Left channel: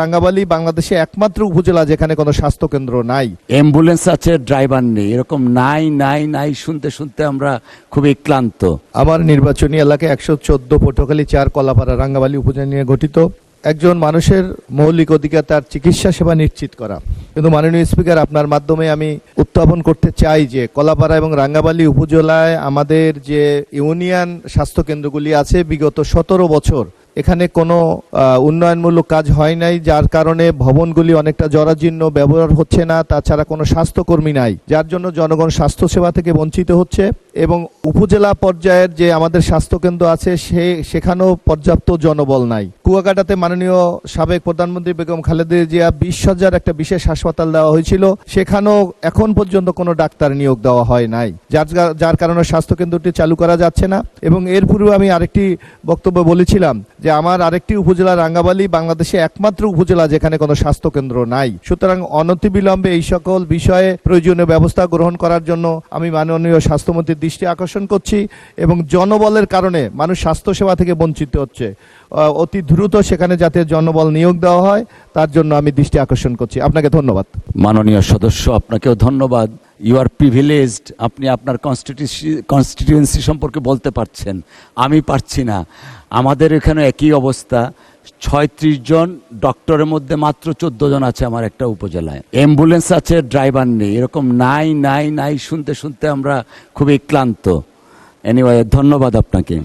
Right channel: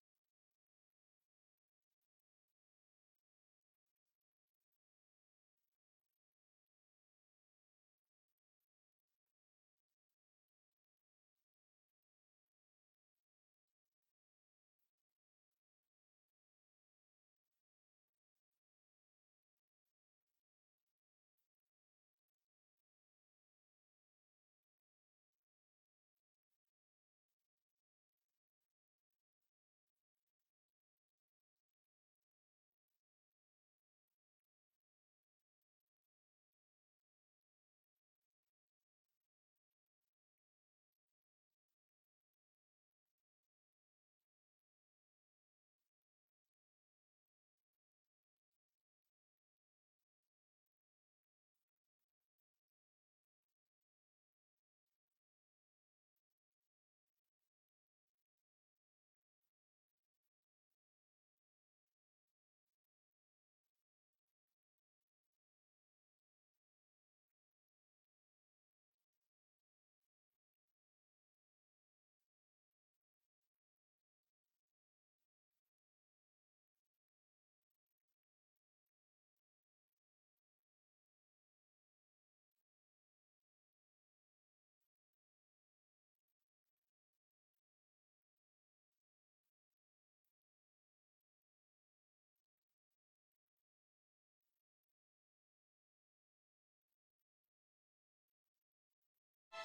রাঙ্গাবালী বাংলাদেশে একমাত্র উপজেলা যেখানে কোনো স্বাস্থ্য কেন্দ্র নাই। অ্যাম্বুলেন্স আছে, ড্রাইভার নেই, এরকম নাই নাই নাই শুনতে শুনতে আমরা খুবই ক্লান্ত। আমার নির্বাচনী এলাকা 114 পটুয়াখালী 4 কলাপাড়া রাঙ্গাবালী উপজেলা নিয়ে গঠিত। একজন মানুষের মৌলিক অধিকার তার চিকিৎসা সেবা নিশ্চিত করা। কিন্তু মাননীয় স্পিকার, আপনার মাধ্যমে আমি উত্থাপন করতে চাই যে কলাপাড়া এবং রাঙ্গাবালী উপজেলায় আমাদের যে ইউনিয়ন স্বাস্থ্য কেন্দ্রগুলি আছে, বিগত 17 বছর এখানে কোনো উন্নয়নমূলক কাজ হয় নাই, যার কারণে ভবনগুলি অনেকটা জরাজীর্ণ, ব্যবহার হচ্ছে না। তাছাড়া কোনো স্বাস্থ্যকর্মী নাই, যার জন্য জনগণ স্বাস্থ্যসেবা থেকে বঞ্চিত হচ্ছে। এবং উপজেলা পর্যায়ের যে আমাদের স্বাস্থ্যকেন্দ্র আছে সেখানেও পর্যাপ্ত জনবল নাই। কুয়াকাটাতে মাননীয় সাবেক প্রধানমন্ত্রী বেগম খালেদা জিয়া 20 শয্যার একটা বিশেষ হাসপাতাল দেওয়া হয়েছিল, সেখানেও এখন পর্যন্ত কোনো ডাক্তার নিয়োগ দেওয়া হয় নাই, যার কারণে স্বাস্থ্যকেন্দ্রটি চালু করা যাচ্ছে না। এবং এর পূর্বে আমি আরেকটি বক্তব্য বলেছিলাম যে আমার আরেকটি উপজেলা রাঙ্গাবালী বাংলাদেশে একমাত্র উপজেলা যেখানে কোনো স্বাস্থ্য কেন্দ্র নাই। সুতরাং অনতিবিলম্বে এই সকল বিষয়ে প্রয়োজনীয় ব্যবস্থা গ্রহণ করার জন্য আমি মাননীয় স্বাস্থ্যমন্ত্রীর দৃষ্টি আকর্ষণ করছি। এবং জনবলের কারণে মানুষ স্বাস্থ্যসেবা থেকে বঞ্চিত হচ্ছে, অতি দ্রুত সেখানে যাতে জনবল নিয়োগ দেওয়া হয় তার জন্য আমি দৃষ্টি আকর্ষণ করছি। আপনাকে ধন্যবাদ। মাননীয় সদস্য, আপনাকেও ধন্যবাদ। ইউ আর প্রিভিলেজড, আপনি আপনার কনস্টিটিউয়েন্সি সম্পর্কে বলতে পারছেন, আমি পারছি না। আমাদের এখানে একই অবস্থা, 36 জন ডক্টরের মধ্যে মাত্র 14 জন আছে আমার একটা উপজেলায়। অ্যাম্বুলেন্স আছে, ড্রাইভার নেই, এরকম নাই নাই নাই শুনতে শুনতে আমরা খুবই ক্লান্ত। এনিওয়ে, ধন্যবাদ আপনাকে।